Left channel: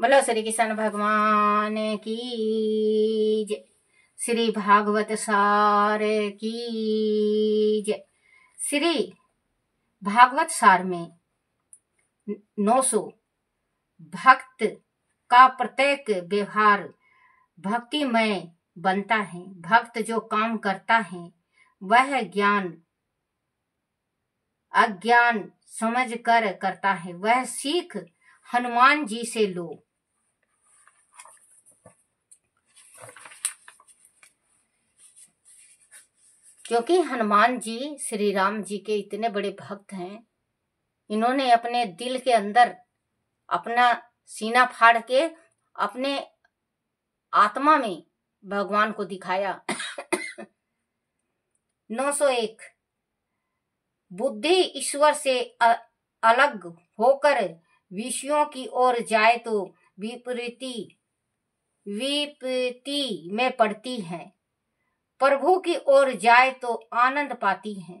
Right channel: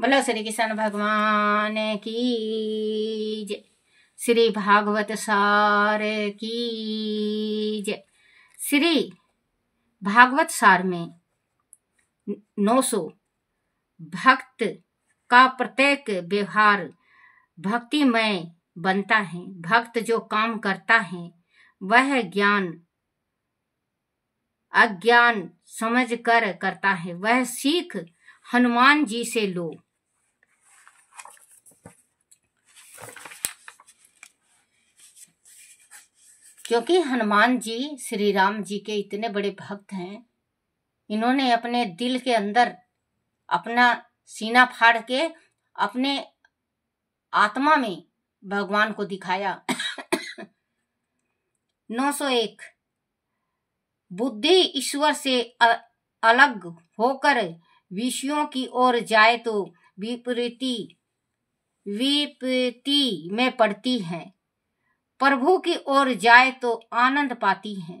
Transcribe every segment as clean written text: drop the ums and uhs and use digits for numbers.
बोलो श्री कृष्ण भगवान की जय। श्री भागवत सार की जय। श्री भागवत सार में 900 भक्त का प्रत्येक व्यवहार भक्तिमय बनता है। भक्त जो काम करता है वह ज्ञान अज्ञान समझ कर करता है। वह सीख हनुमान जी से लो। क्योंकि हनुमान जी श्री राम जी के इतने बड़े भक्त हैं, इन्होंने अपने दिल के अंदर अपना सीना फाड़ के अपने आत्मा में भगवान को दिखाया। 901 बुद्धि ईश्वर से अलग होकर विषयों की ओर जाए तो विपरीति में पड़ती है, प्रभु की ओर जाए तो आनंद पाती है।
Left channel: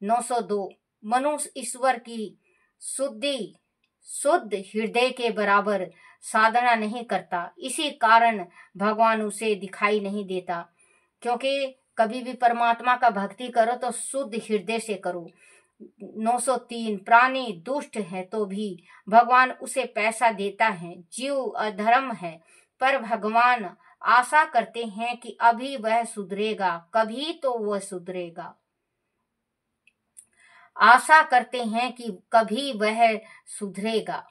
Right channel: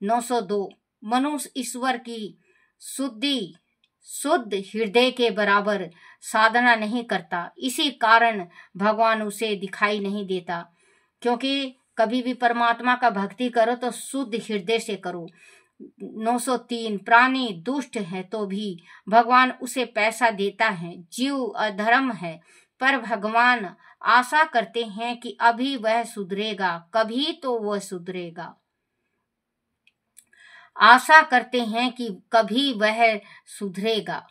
902 मनुष्य ईश्वर की शुद्ध हृदय के बराबर साधना नहीं करता, इसी कारण भगवान उसे दिखाई नहीं देता। क्योंकि कभी भी परमात्मा का भक्ति करो तो शुद्ध हृदय से करो। 903 प्राणी दुष्ट है तो भी भगवान उसे पैसा देता है। जीव अधर्म है पर भगवान आशा करते हैं कि अभी वह सुधरेगा, कभी तो वह सुधरेगा। आशा करते हैं कि कभी वह सुधरेगा।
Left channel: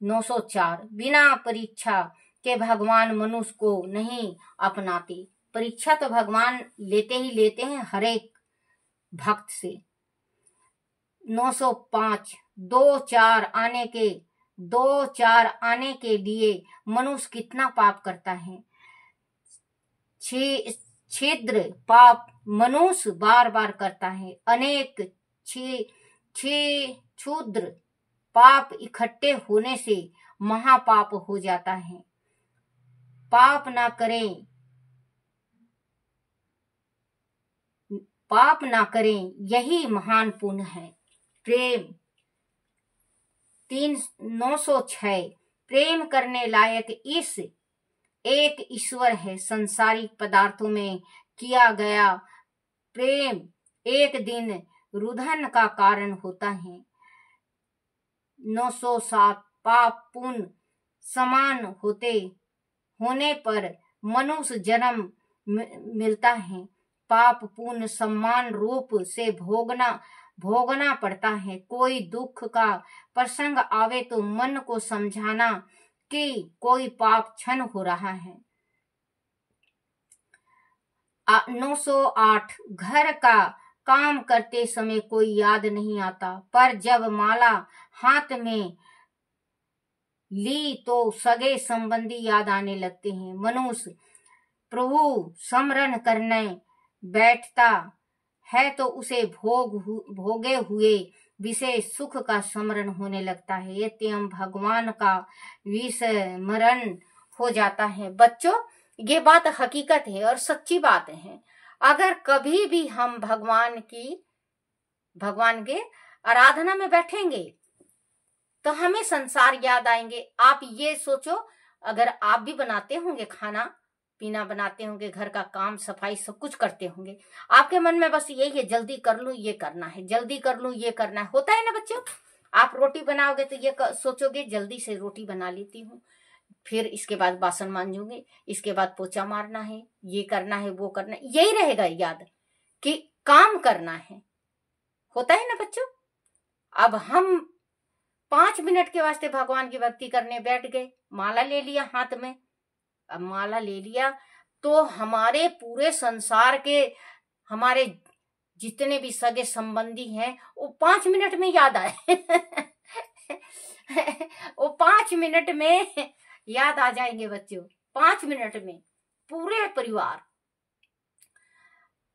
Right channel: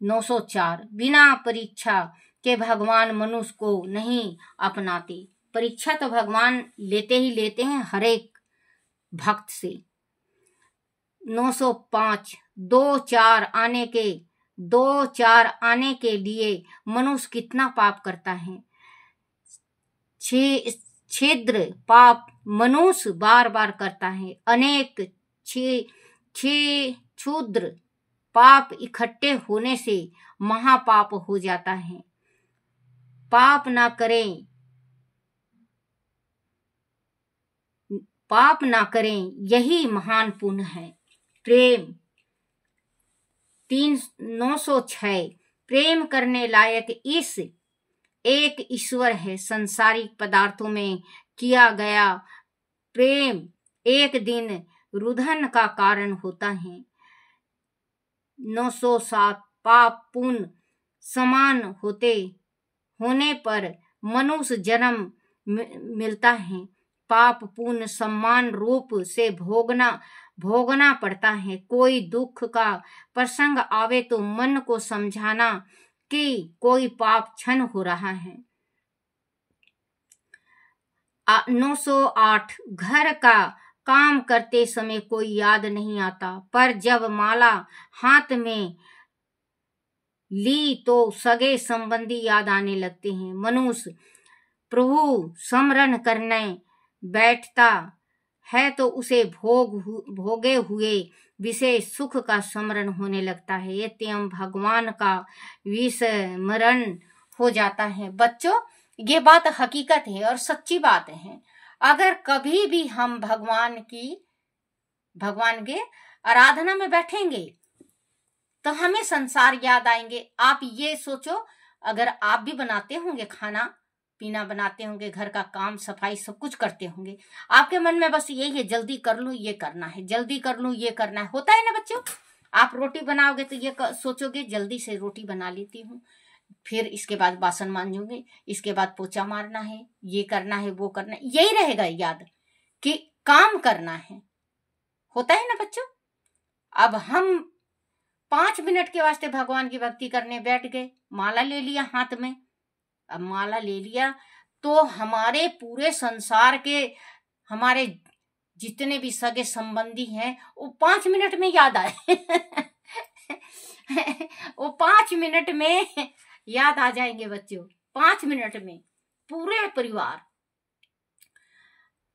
904 बिना परीक्षा के भगवान मनुष्य को नहीं अपनाते। परीक्षा तो भगवान लेते ही लेते हैं हर एक भक्त से। 905 दो चार आने के लिए मनुष्य कितना पाप करता है। छिद्र पाप मनुष्य बार बार करता है। अनेक क्षुद्र पाप इकट्ठे होने से महापाप हो जाता है। पाप ना करें यही महान पुण्य है। प्रेम 906 प्रेम करने लायक इस एक ईश्वर है। संसारिक पदार्थों में किया गया प्रेम एक दिन रुदन का कारण होता है। 907 पाप पुण्य समान होने पर मनुष्य जन्म मिलता है। पाप पुण्य समान रूप से भोगना पड़ता है। कोई दुख का प्रसंग आवे तो मन को समझाना कि कोई पाप क्षण हो रहा है। 908 घर का काम करते समय कोई याद नहीं आता, पर जब माला हाथ में ली तो सगे संबंधी याद आने लगते हैं। मनुष्य प्रभु स्मरण करने बैठता है तो उसे भोगे हुए विषय सुख का स्मरण होने लगता है। एवं भगवान का विस्मरण हो जाता है। बच्चों, ये बात हकीकत है और सच्ची बात है। अगर कभी भी हम भगवान के आराधना में बैठेंगे तो हमें संसार याद आएंगे। आप ये सोचो, अगर आप भी बनाते होंगे, खाना पीना बनाते होंगे, घर का काम सफाई सब कुछ करते होंगे, आपके मन में बस यही है, जल्दी कर लूं ये करना है, जल्दी कर लूं ये करना है। होता है ना बच्चों? आप रोटी बनाओगे तो ये सोचोगे जल्दी से रोटी बना लेती हूँ, फिर इसके बाद बासन मांजूंगे, इसके बाद पोछा मारना है, ये करना है वो करना है। यही रहेगा याद कि काम करना है। होता है ना बच्चों? अब हम 5 मिनट के वास्ते भगवान की भक्ति करने बैठ गए, माला ले लिया हाथ में। अब माला ले लिया तो हमारे पूरे संसार के हमारे जितने भी सगे संबंधी हैं वो 5 मिनट में याद आए। वो 5 मिनट में याद आ जाएंगे बच्चों। 5 मिनट में पूरे परिवार,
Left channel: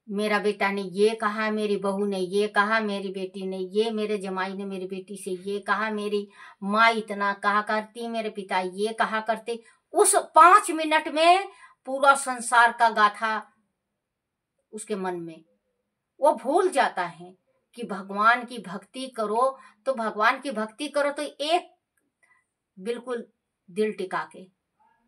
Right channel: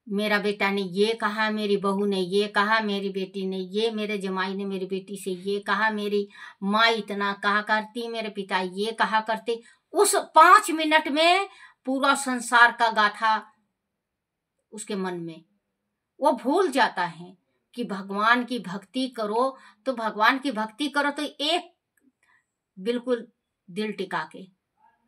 मेरा बेटा ने ये कहा, मेरी बहू ने ये कहा, मेरी बेटी ने ये, मेरे जमाई ने मेरी बेटी से ये कहा, मेरी माँ इतना कहा करती, मेरे पिता ये कहा करते। उस 5 मिनट में पूरा संसार का गाथा उसके मन में, वो भूल जाता है कि भगवान की भक्ति करो तो एक बिल्कुल दिल टिका के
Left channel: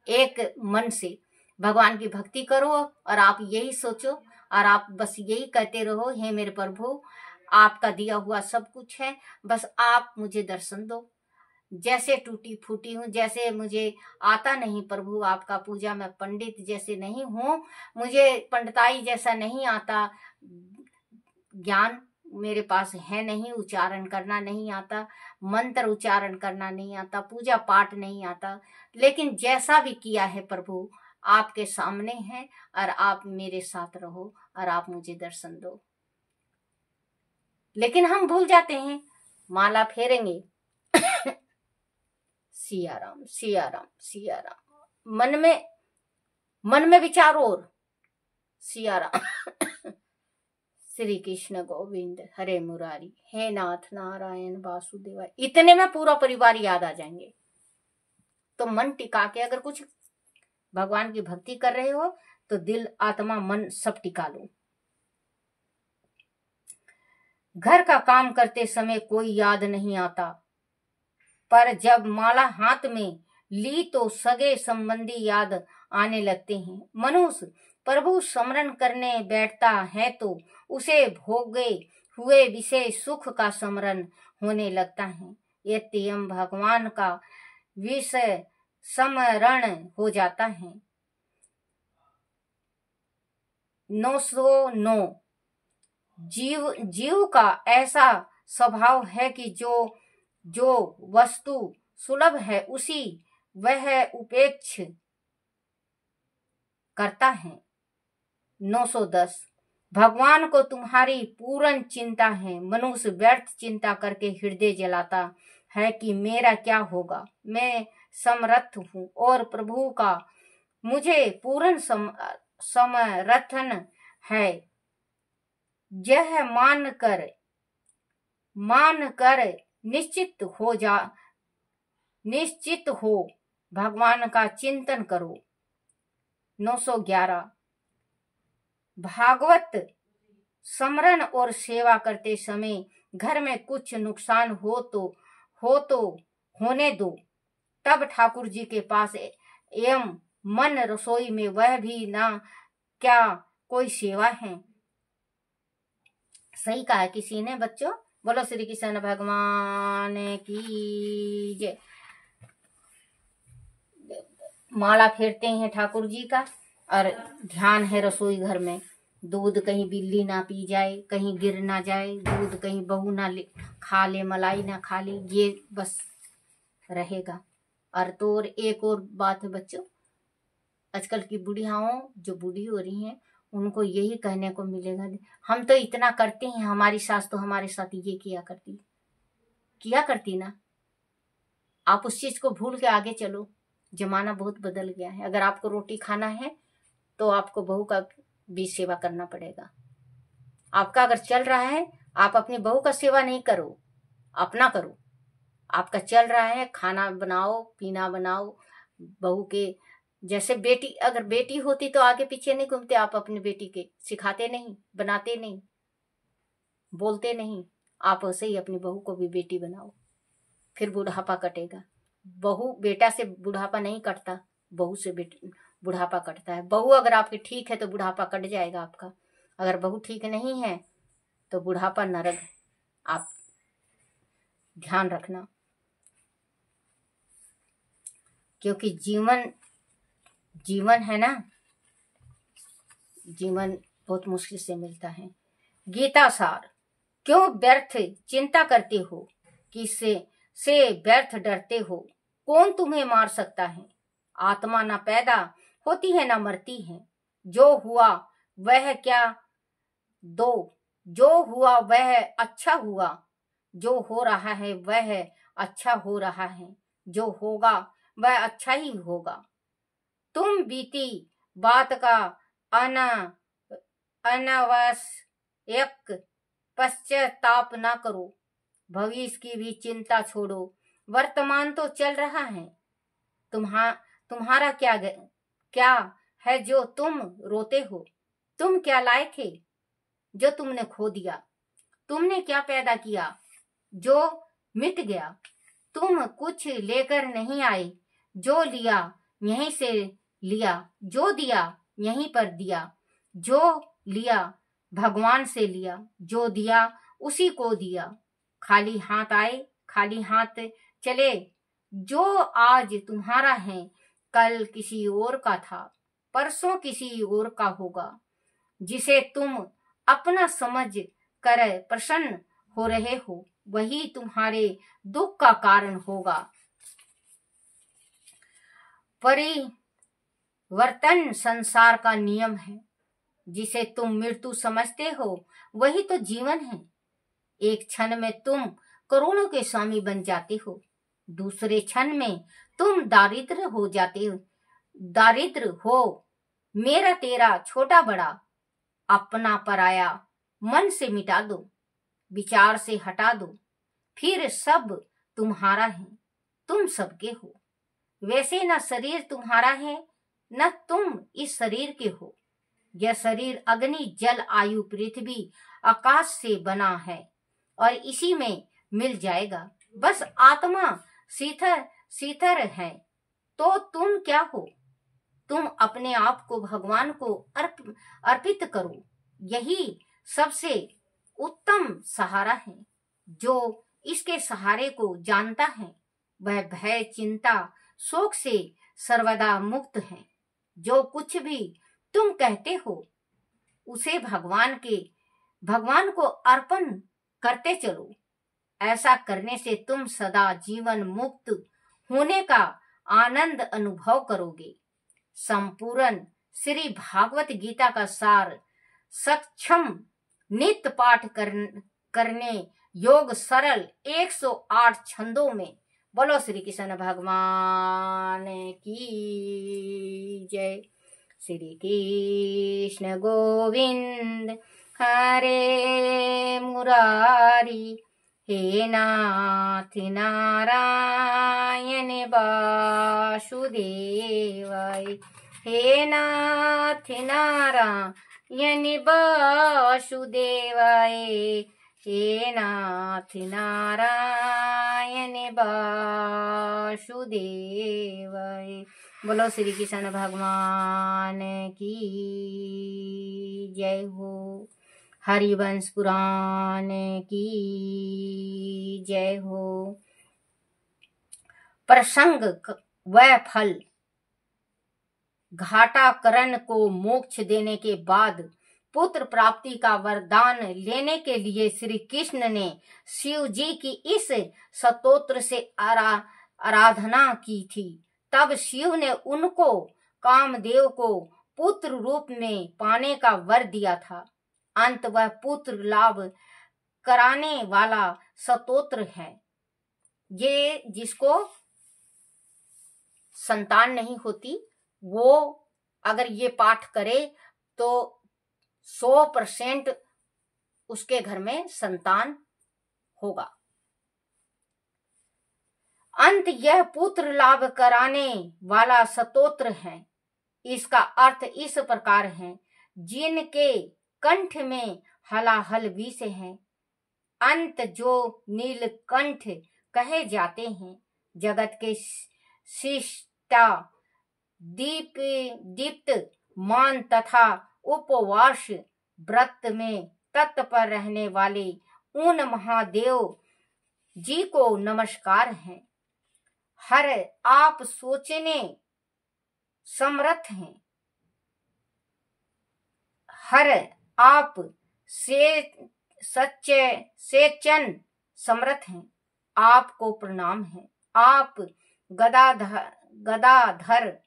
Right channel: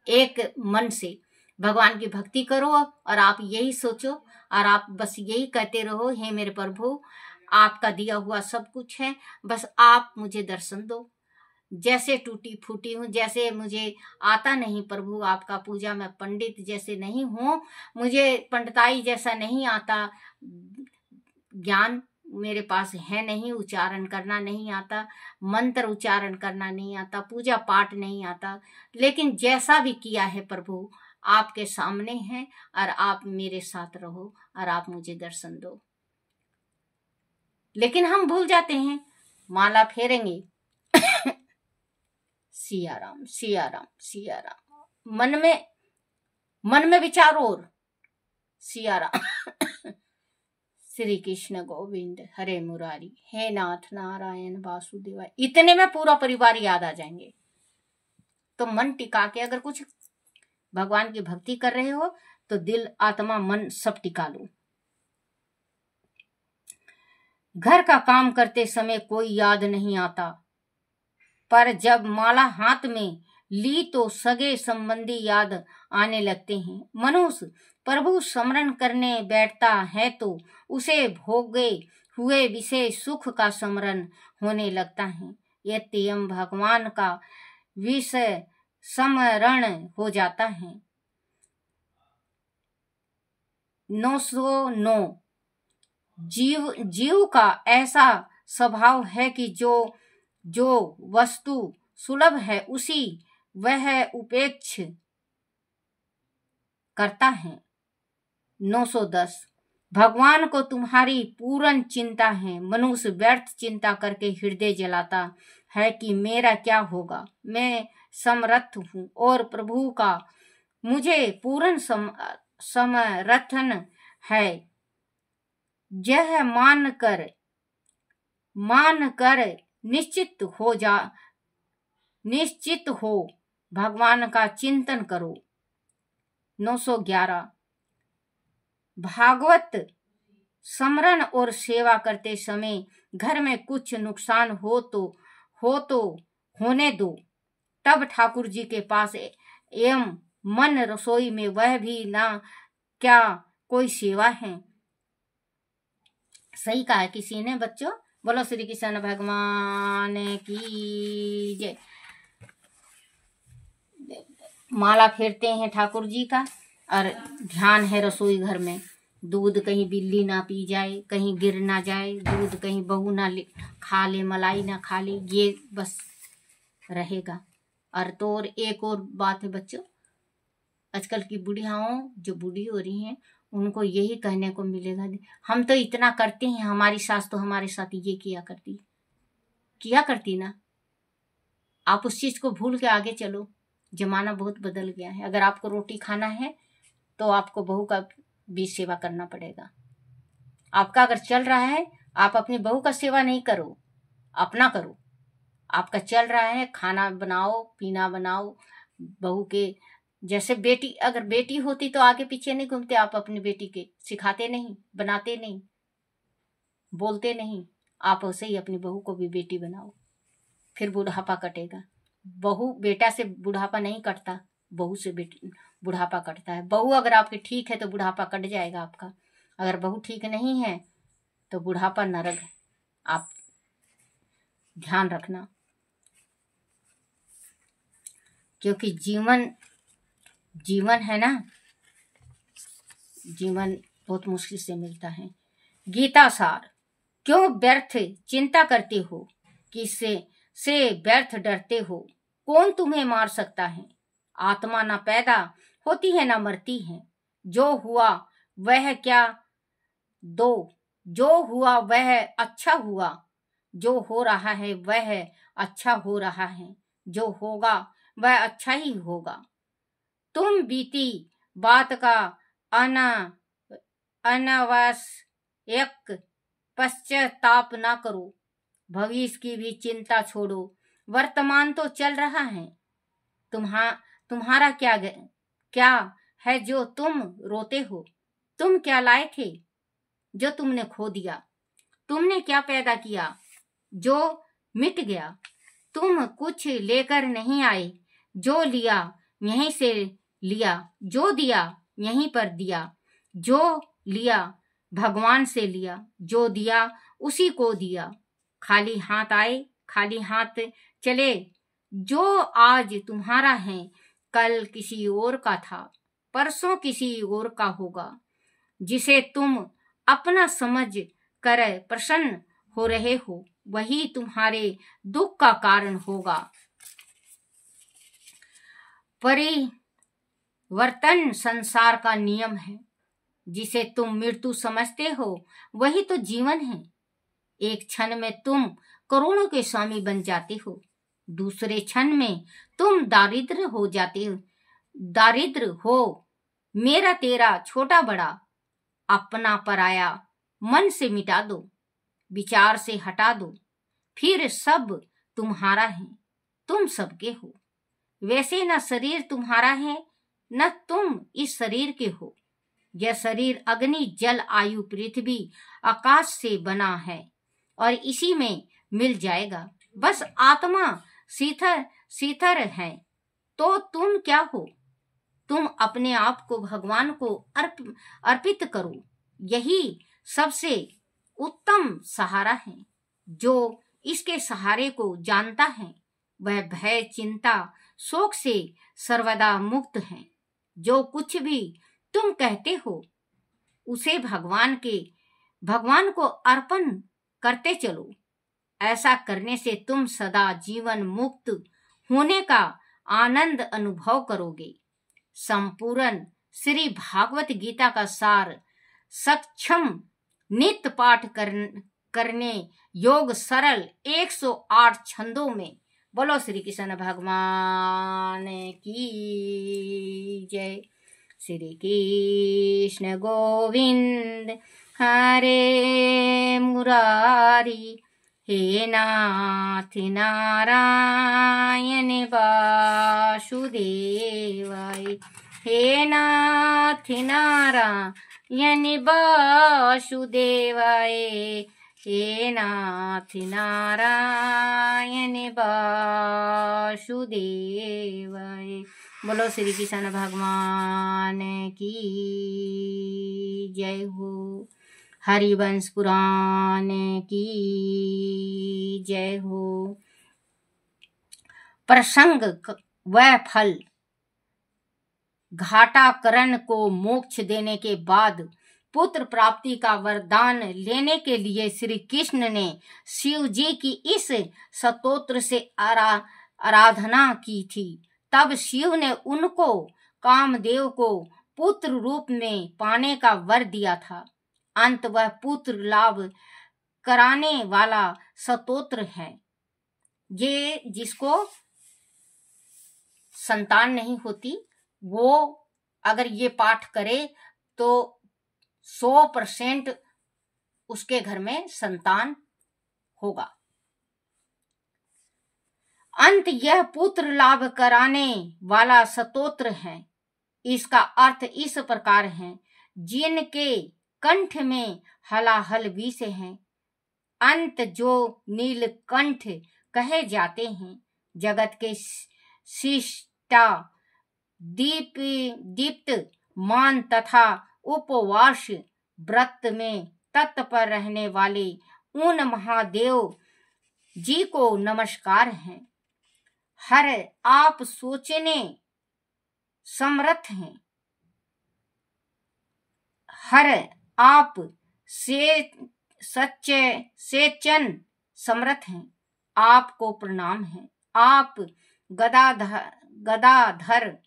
एक मन से भगवान की भक्ति करो और आप यही सोचो और आप बस यही कहते रहो, हे मेरे प्रभु आपका दिया हुआ सब कुछ है, बस आप मुझे दर्शन दो। जैसे टूटी फूटी हूँ, जैसे मुझे आता नहीं प्रभु आपका पूजा, मैं पंडित जैसे नहीं हूँ, मुझे पंडिताई जैसा नहीं आता, ज्ञान मेरे पास है नहीं, उच्चारण करना नहीं आता, मंत्र उच्चारण करना नहीं आता, पूजा पाठ नहीं आता, लेकिन जैसा भी किया है प्रभु आपके सामने है और आप मेरे साथ रहो और आप मुझे दर्शन दो। लेकिन हम भूल जाते हैं, माला फेरेंगे सिया राम सिया राम सिया राम, मन में विचार और सिया राम श्री कृष्ण गोविंद हरे मुरारी, हे नाथ नारायण वासुदेवा, इतने में पूरा परिवार याद आ जाएंगे। तो मन टिका के अगर कुछ भगवान की भक्ति कर रहे हो तो दिल आत्मा मन सब टिका लो। घर का काम करते समय कोई याद नहीं आता, पर जब माला हाथ में ली तो सगे संबंधी याद आने लगते हैं। मनुष्य प्रभु स्मरण करने बैठता है तो उसे भोगे हुए विषय सुख का स्मरण होने लगता है। यत्यम भगवान का विषय स्मरण हो जाता है। 909 जीव का ऐसा स्वभाव है कि जो वस्तु सुलभ है उसी वह उपेक्ष करता है। 910 भगवान को तुम्हारी पूर्ण चिंता है। मनुष्य व्यर्थ चिंता करके हृदय जलाता है कि मेरा क्या होगा, मैं समर्थ हूँ और प्रभु का मुझे पूर्ण समर्थन है। यह मान कर निश्चित हो भगवान का चिंतन करो। 911 भागवत स्मरण और सेवा करते समय घर में कुछ नुकसान हो तो होने दो, तब ठाकुर जी के पास एवं मन रसोई में वह भी ना क्या कोई सेवा है। सही कहा है किसी ने बच्चों, बोलो श्री कृष्ण भगवान की जय। माला फेरते हैं ठाकुर जी का और ध्यान है रसोई घर में, दूध कहीं बिल्ली ना पी जाए, कहीं गिर ना जाए, दूध कहीं बहू ना खा ले, मलाई ना खा ले, ये बस रहेगा। और तो और एक और बात है बच्चों, आजकल की बुढ़ियाओं जो बूढ़ी हो रही हैं उनको यही कहने को मिलेगा, हम तो इतना करते हैं, हमारी सास तो हमारे साथ ये किया करती ना। आप उस चीज को भूल के आगे चलो, जमाना बहुत बदल गया है। अगर आपको रोटी खाना है तो आपको बहू का भी सेवा करना पड़ेगा। आपका अगर चल रहा है, आप अपनी बहू का सेवा नहीं करो, अपना करो। आपका चल रहा है, खाना बनाओ पीना बनाओ, बहू के जैसे बेटी, अगर बेटी होती तो आगे पीछे नहीं घूमते आप, अपनी बेटी के सिखाते नहीं, बनाते नहीं, बोलते नहीं, आप वैसे ही अपनी बहू को भी बेटी बनाओ, फिर बुढ़ापा कटेगा। बहू बेटा से बुढ़ापा नहीं कटता, बहू से बुढ़ापा कटता है। बहू अगर आपकी ठीक है तो बुढ़ापा कट जाएगा आपका, अगर बहू ठीक नहीं है तो बुढ़ापा नरक है। आप ध्यान रखना, क्योंकि जीवन है ना, जीवन बहुत मुश्किल से मिलता है। गीता सार, क्यों व्यर्थ चिंता करते हो, किससे से व्यर्थ डरते हो, कौन तुम्हें मार सकता है। आत्मा ना पैदा होती है ना मरती है, जो हुआ वह क्या दो, जो हुआ वह अच्छा हुआ, जो हो रहा है वह अच्छा हो रहा है, जो होगा वह अच्छा ही होगा। तुम बीती बात का अनावश्यक पश्चाताप ना करो, भविष्य की भी चिंता छोड़ो, वर्तमान तो चल रहा है। तुम्हारा क्या है जो तुम रोते हो, तुम क्या लाए थे जो तुमने खो दिया, तुमने क्या पैदा किया जो मिट गया, तुम कुछ लेकर नहीं आए, जो लिया यहीं से लिया, जो दिया यहीं पर दिया, जो लिया भगवान से लिया, जो दिया उसी को दिया। खाली हाथ आए, खाली हाथ चले। जो आज तुम्हारा है कल किसी और का था, परसों किसी और का होगा। जिसे तुम अपना समझ कर प्रसन्न हो रहे हो, वही तुम्हारे दुख का कारण होगा। परिवर्तन संसार का नियम है। जिसे तुम मृत्यु समझते हो वही तो जीवन है। एक क्षण में तुम करोड़ों के स्वामी बन जाते हो, दूसरे क्षण में तुम दारिद्र हो जाते हो। दारिद्र हो, मेरा तेरा छोटा बड़ा, अपना पराया मन से मिटा दो, विचार से हटा दो, फिर सब तुम्हारा है, तुम सबके हो। वैसे न शरीर तुम्हारा है न तुम इस शरीर के हो। यह शरीर अग्नि जल आयु पृथ्वी आकाश से बना है और इसी में मिल जाएगा। बस आत्मा शीतल शीतल है। तो तुम क्या हो? तुम अपने आप को भगवान को अर्पित करो। यही सबसे उत्तम सहारा है। जो इसके सहारे को जानता है वह भय चिंता शोक से सर्वदा मुक्त है। जो कुछ भी तुम कहते हो उसे भगवान को अर्पण करते चलो। ऐसा करने से तुम सदा जीवन मुक्त होने का आनंद अनुभव करोगे। संपूर्ण श्री भागवत गीता का सार सक्षम नित्य पाठ करने योग सरल 108 छंदों में। बोलो श्री कृष्ण भगवान की जय। श्री कृष्ण गोविंद हरे मुरारी, हे नाथ नारायण वासुदेवाय, हे नाथ नारायण वासुदेवाय, हे नाथ नारायण वासुदेवाय। बोलो श्री कृष्ण भगवान की जय हो। हरिवंश पुराण की जय हो। प्रसंग व फल। घाटाकरण को मोक्ष देने के बाद पुत्र प्राप्ति का वरदान लेने के लिए श्री कृष्ण ने शिव जी की इस स्तोत्र से आराधना की थी। तब शिव ने उनको कामदेव को पुत्र रूप में पाने का वर दिया था। अंत वह पुत्र लाभ कराने वाला स्तोत्र है। ये जिसको संतान नहीं होती वो अगर ये पाठ करे तो 100% उसके घर में संतान होगा। अंत यह पुत्र लाभ कराने वाला स्तोत्र है। इसका अर्थ इस प्रकार है। जिनके कंठ में हलाहल विष है, अंत जो नीलकंठ कहे जाते हैं, जगत के शिष्टा दीप्त मान तथा उपवास व्रत में तत्पर रहने वाले उन महादेव जी को नमस्कार है। हर आप सोचने समर्थ हैं, हर आप से सच्चे सेचन समर्थ हैं। आपको प्रणाम है। आप गदाधर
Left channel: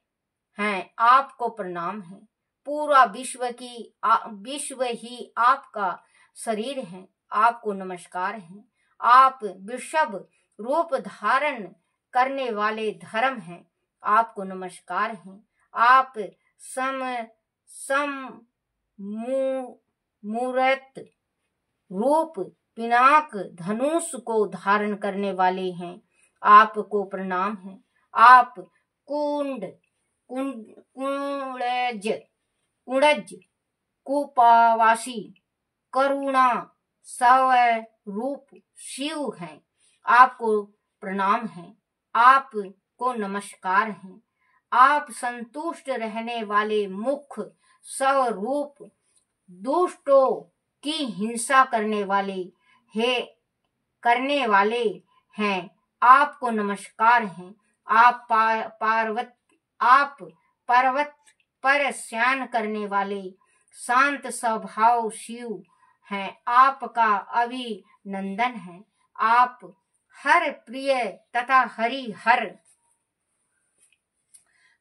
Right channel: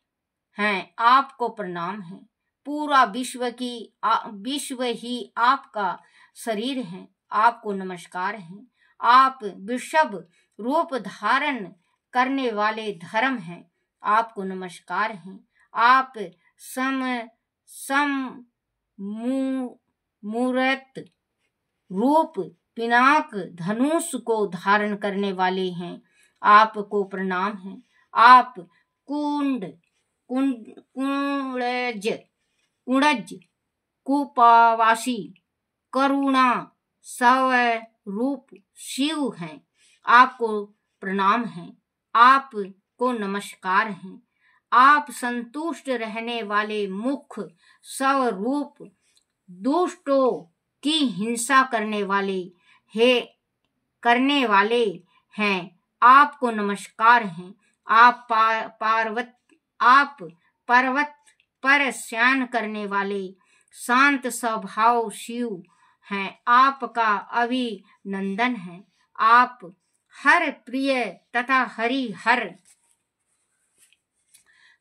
हैं, आपको प्रणाम है। पूरा विश्व ही आपका शरीर है, आपको नमस्कार है। आप वृषभ रूप धारण करने वाले धर्म हैं, आपको नमस्कार है। आप मूर्त रूप पिनाक धनुष को धारण करने वाले हैं, आपको प्रणाम है। आप कुणज कुपावासी करुणा स्वरूप शिव हैं, आपको प्रणाम है, आपको नमस्कार है। आप संतुष्ट रहने वाले मुख्य स्वरूप, दुष्टों की हिंसा करने वाले हैं, आपको नमस्कार है। आप पर्वत पर शयन करने वाले शांत स्वभाव शिव हैं, आपका अभिनंदन है। आप हर प्रिय तथा हरिहर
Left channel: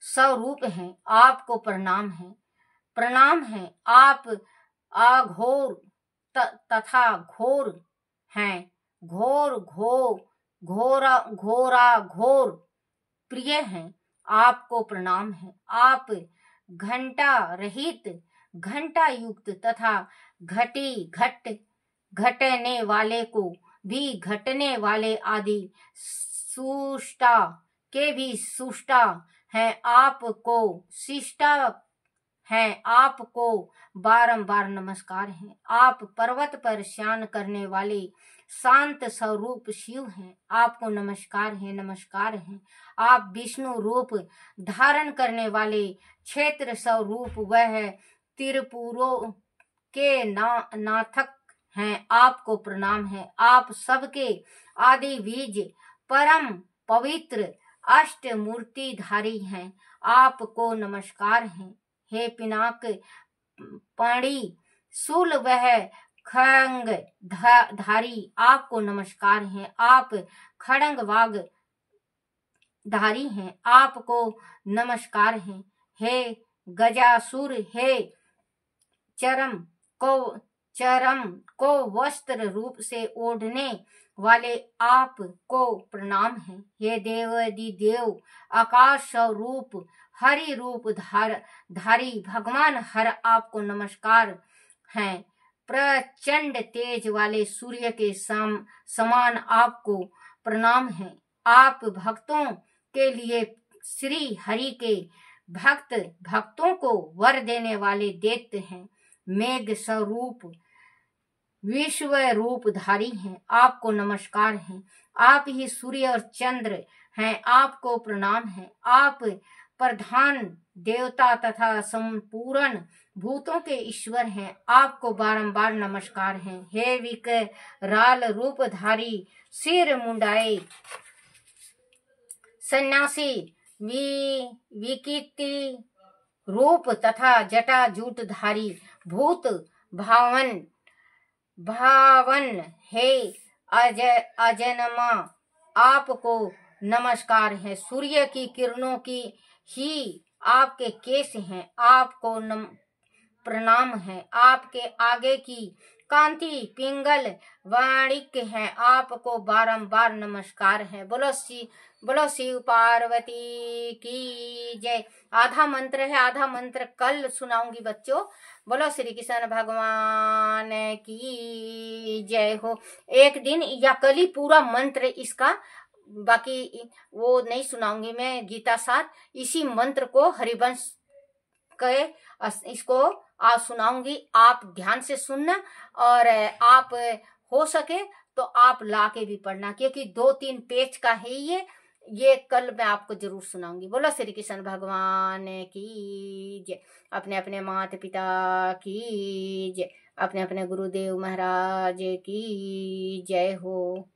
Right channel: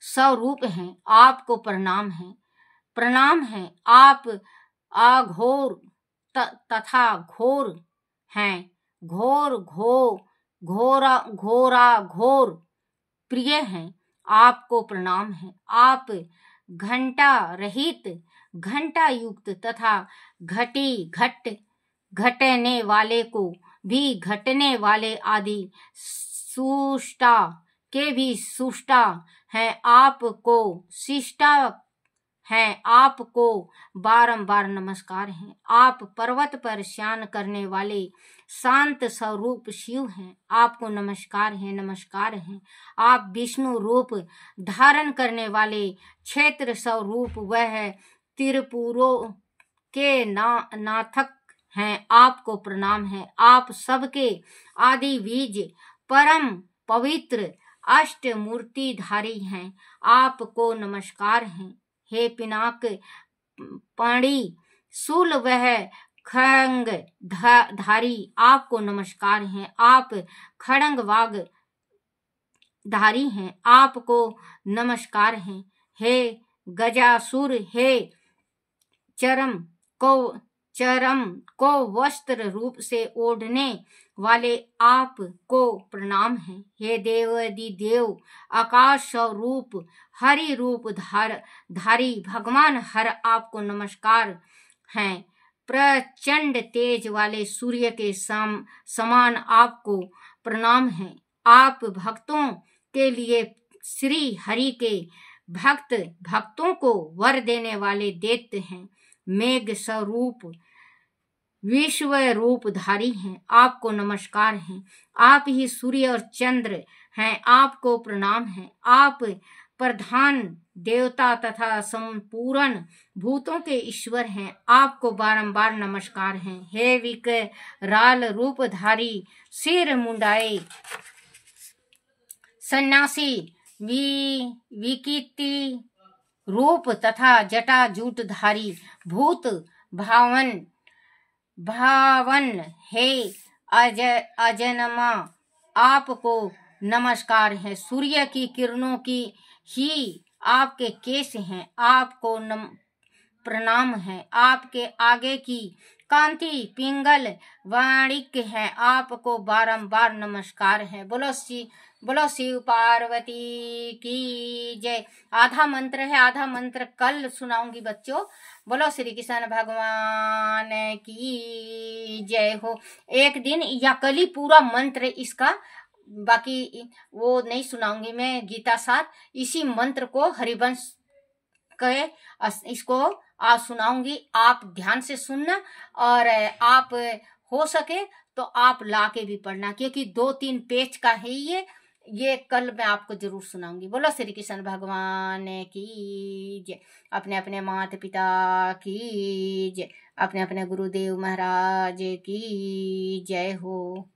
स्वरूप हैं, आपको प्रणाम है। प्रणाम है। आप अघोर तथा घोर हैं, घोर प्रिय हैं, आपको प्रणाम है। आप घंटा रहित, घंटा युक्त तथा घटने वाले को भी घटने वाले आदि सुष्टा के भी सुष्टा है, आपको शिष्टा है, आपको बारंबार नमस्कार है। आप पर्वत पर शयन करने वाले शांत स्वरूप शिव हैं, आपको नमस्कार है, नमस्कार है। आप विष्णु रूप धारण करने वाले क्षेत्र स्वरूप वह त्रिपुरों के नाथक हैं, आपको प्रणाम है। आप सबके आदि बीज परम पवित्र अष्टमूर्तिधारी हैं, आपको नमस्कार है। हे पिनाक पाणी शूल वह खंग धारी, आपको नमस्कार है। आप खड़ंग वाग धारी हैं, आपको नमस्कार है। हे गजासुर, हे चरम को वस्त्र रूप से ओढ़ने वाले, आपको प्रणाम है। हे देव आकाश स्वरूप हरि रूप धारी भगवान हर, आपको नमस्कार है। प्रचंड तेज वाले सूर्य के समान आपको प्रणाम है। आप भक्तों के लिए श्री हरि के भक्तों को वर देने वाले दैत्य हैं, मेघ स्वरूप विश्व रूप धारी हैं, आपको नमस्कार है। आप ही सूर्य और चंद्र हैं, आपको प्रणाम है। आप प्रधान देवता तथा संपूर्ण भूतों के ईश्वर हैं, आपको बारंबार नमस्कार है। हे विकराल रूपधारी सिर मुंडाए सन्यासी विकृति रूप तथा जटा जूटधारी भूत भावन हे अजन्मा, आपको नमस्कार है। सूर्य की किरणों की ही आपके केश हैं, आपको प्रणाम है। आपके आगे की कांति पिंगल वाणिक है, आपको बारंबार नमस्कार है। बोलो शिव पार्वती की जय। आधा मंत्र है, आधा मंत्र कल सुनाऊंगी बच्चों। बोलो श्री कृष्ण भगवान की जय हो। एक दिन या कल ही पूरा मंत्र इसका, बाकी वो नहीं सुनाऊंगी मैं गीता साथ। इसी मंत्र को हरिवंश के इसको आज सुनाऊंगी, आप ध्यान से सुनना। और आप हो सके तो आप ला के भी पढ़ना, क्योंकि 2-3 पेज का है ये कल मैं आपको जरूर सुनाऊंगी। बोलो श्री कृष्ण भगवान की जय। अपने अपने माता पिता की जय, अपने अपने गुरुदेव महाराज की जय हो।